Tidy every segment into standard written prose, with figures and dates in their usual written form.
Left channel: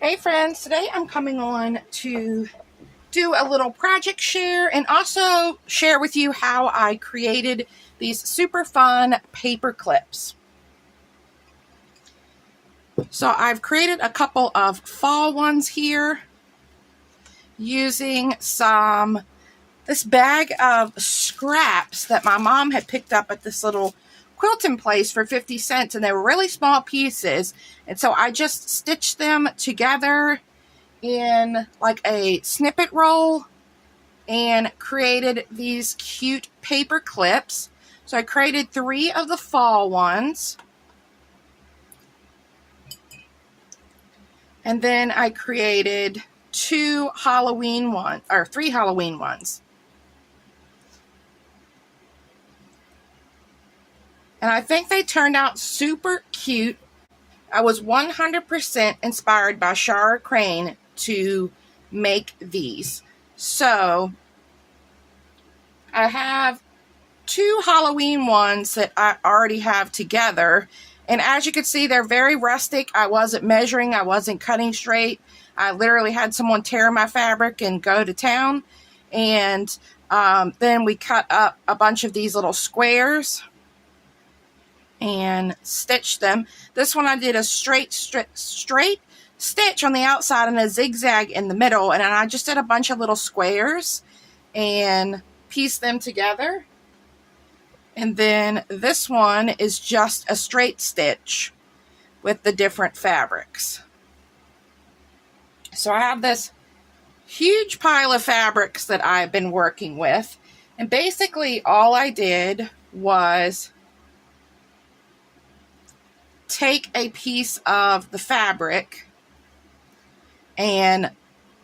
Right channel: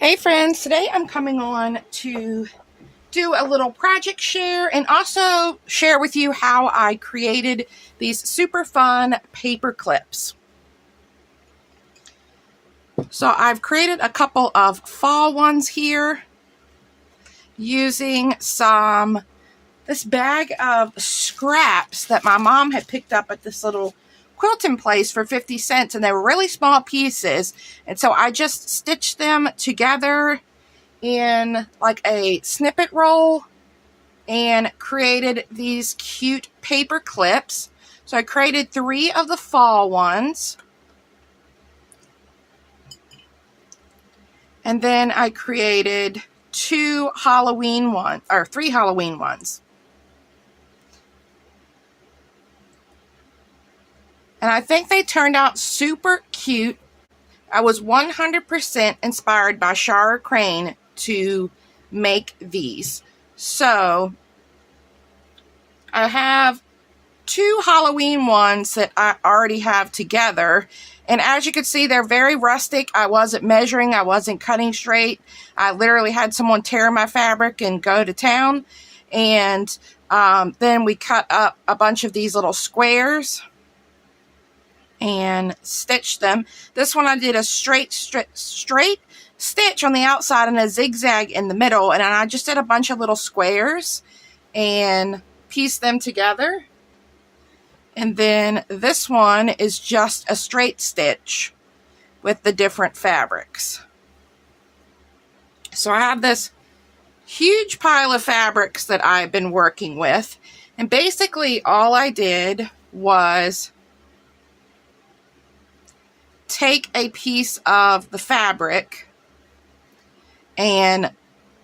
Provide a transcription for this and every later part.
Hey friends, today I'm coming on to do a little project share and also share with you how I created these super fun paper clips. So I've created a couple of fall ones here using this bag of scraps that my mom had picked up at this little quilting place for 50 cents, and they were really small pieces, and so I just stitched them together in like a snippet roll and created these cute paper clips. So I created 3 of the fall ones, and then I created 3 Halloween ones. And I think they turned out super cute. I was 100% inspired by Shara Crane to make these. So I have 2 Halloween ones that I already have together. And as you can see, they're very rustic. I wasn't measuring. I wasn't cutting straight. I literally had someone tear my fabric and go to town. And then we cut up a bunch of these little squares and stitched them. This one I did a straight stitch on the outside and a zigzag in the middle, and I just did a bunch of little squares and pieced them together. And then this one is just a straight stitch with the different fabrics. So I have this huge pile of fabrics that I've been working with, and basically all I did was take a piece of the fabric and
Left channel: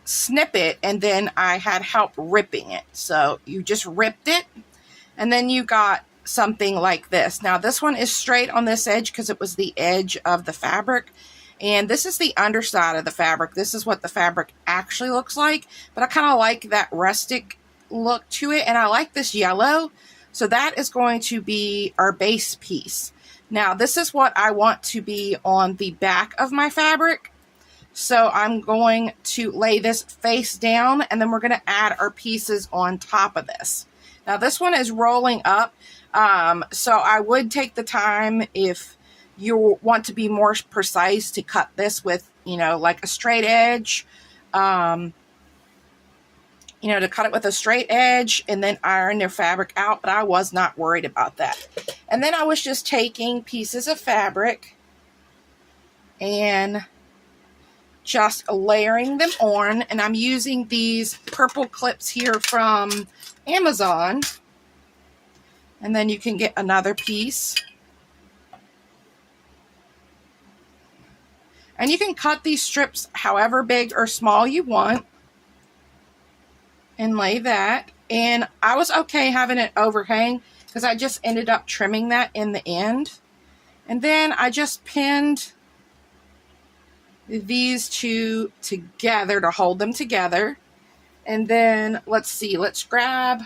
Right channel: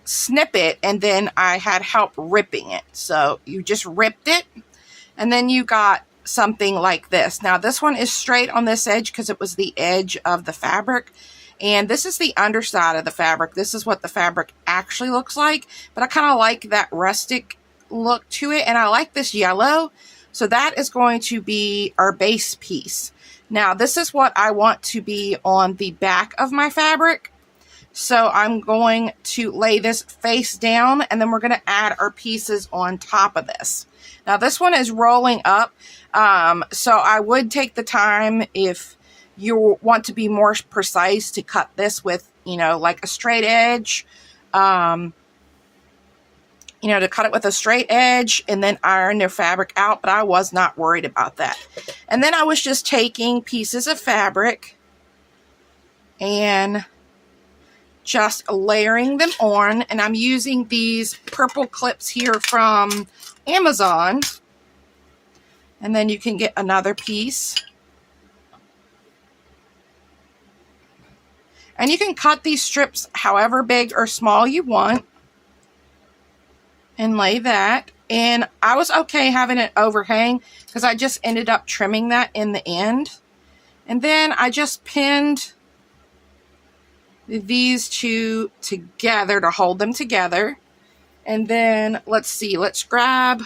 snip it, and then I had help ripping it. So you just ripped it, and then you got something like this. Now this one is straight on this edge because it was the edge of the fabric, and this is the underside of the fabric. This is what the fabric actually looks like, but I kind of like that rustic look to it, and I like this yellow, so that is going to be our base piece. Now, this is what I want to be on the back of my fabric. So I'm going to lay this face down, and then we're going to add our pieces on top of this. Now, this one is rolling up, so I would take the time, if you want to be more precise, to cut this with, like a straight edge. To cut it with a straight edge and then iron their fabric out, but I was not worried about that. And then I was just taking pieces of fabric and just layering them on, and I'm using these Paperclips here from Amazon, and then you can get another piece. And you can cut these strips however big or small you want and lay that. And I was okay having it overhang because I just ended up trimming that in the end. And then I just pinned these 2 together to hold them together. And then let's grab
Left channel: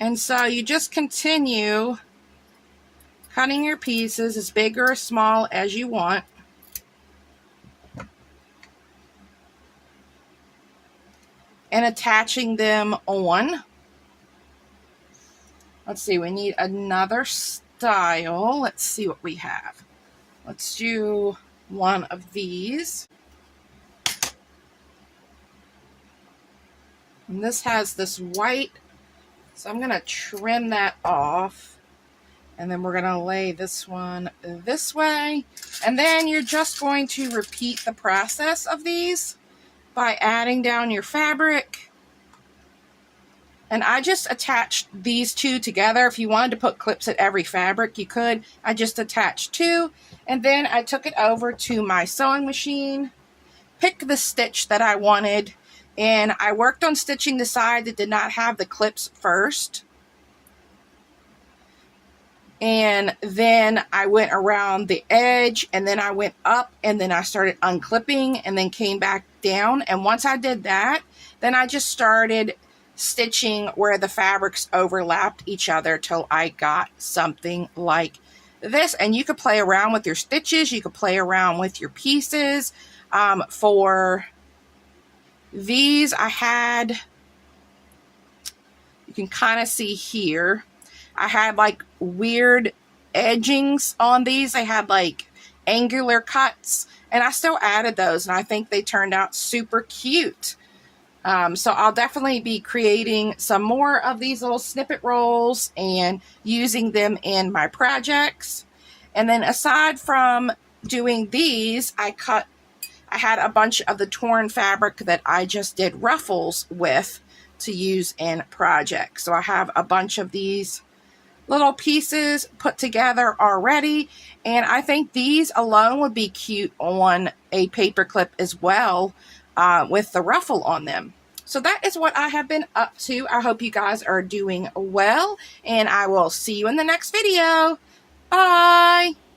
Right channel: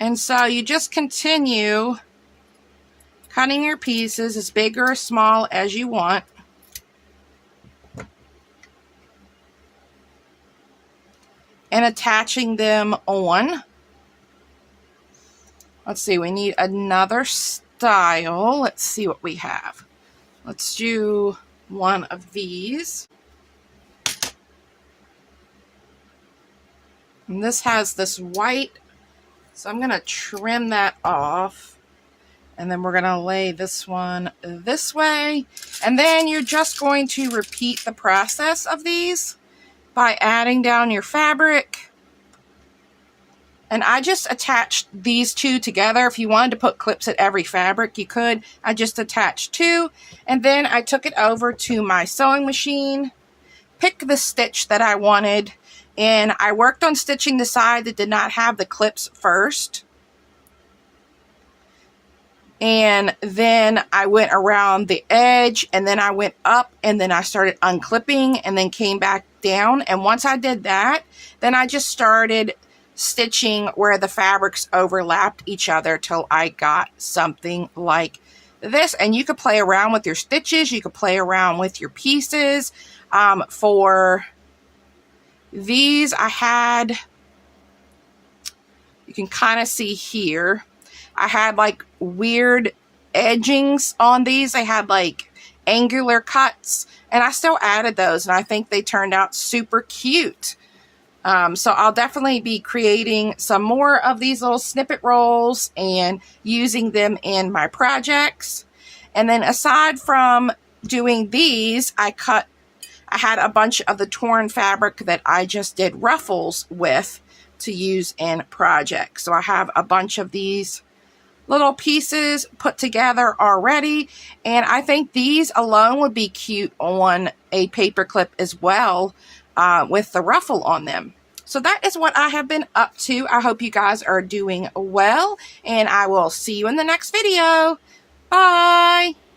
and so you just continue cutting your pieces as big or as small as you want. And attaching them on. Let's see, we need another style. Let's see what we have. Let's do one of these. And this has this white, so I'm going to trim that off. And then we're going to lay this one this way. And then you're just going to repeat the process of these by adding down your fabric. And I just attached these 2 together. If you wanted to put clips at every fabric, you could. I just attached 2. And then I took it over to my sewing machine, picked the stitch that I wanted, and I worked on stitching the side that did not have the clips first. And then I went around the edge, and then I went up, and then I started unclipping, and then came back down. And once I did that, then I just started stitching where the fabrics overlapped each other till I got something like this. And you could play around with your stitches. You could play around with your pieces. For these, I had, you can kind of see here, I had like weird edgings on these. They had like angular cuts, and I still added those, and I think they turned out super cute. So I'll definitely be creating some more of these little snippet rolls and using them in my projects. And then aside from doing these, I had a bunch of the torn fabric that I just did ruffles with to use in projects. So I have a bunch of these little pieces put together already, and I think these alone would be cute on a paper clip as well, with the ruffle on them. So that is what I have been up to. I hope you guys are doing well, and I will see you in the next video. Bye!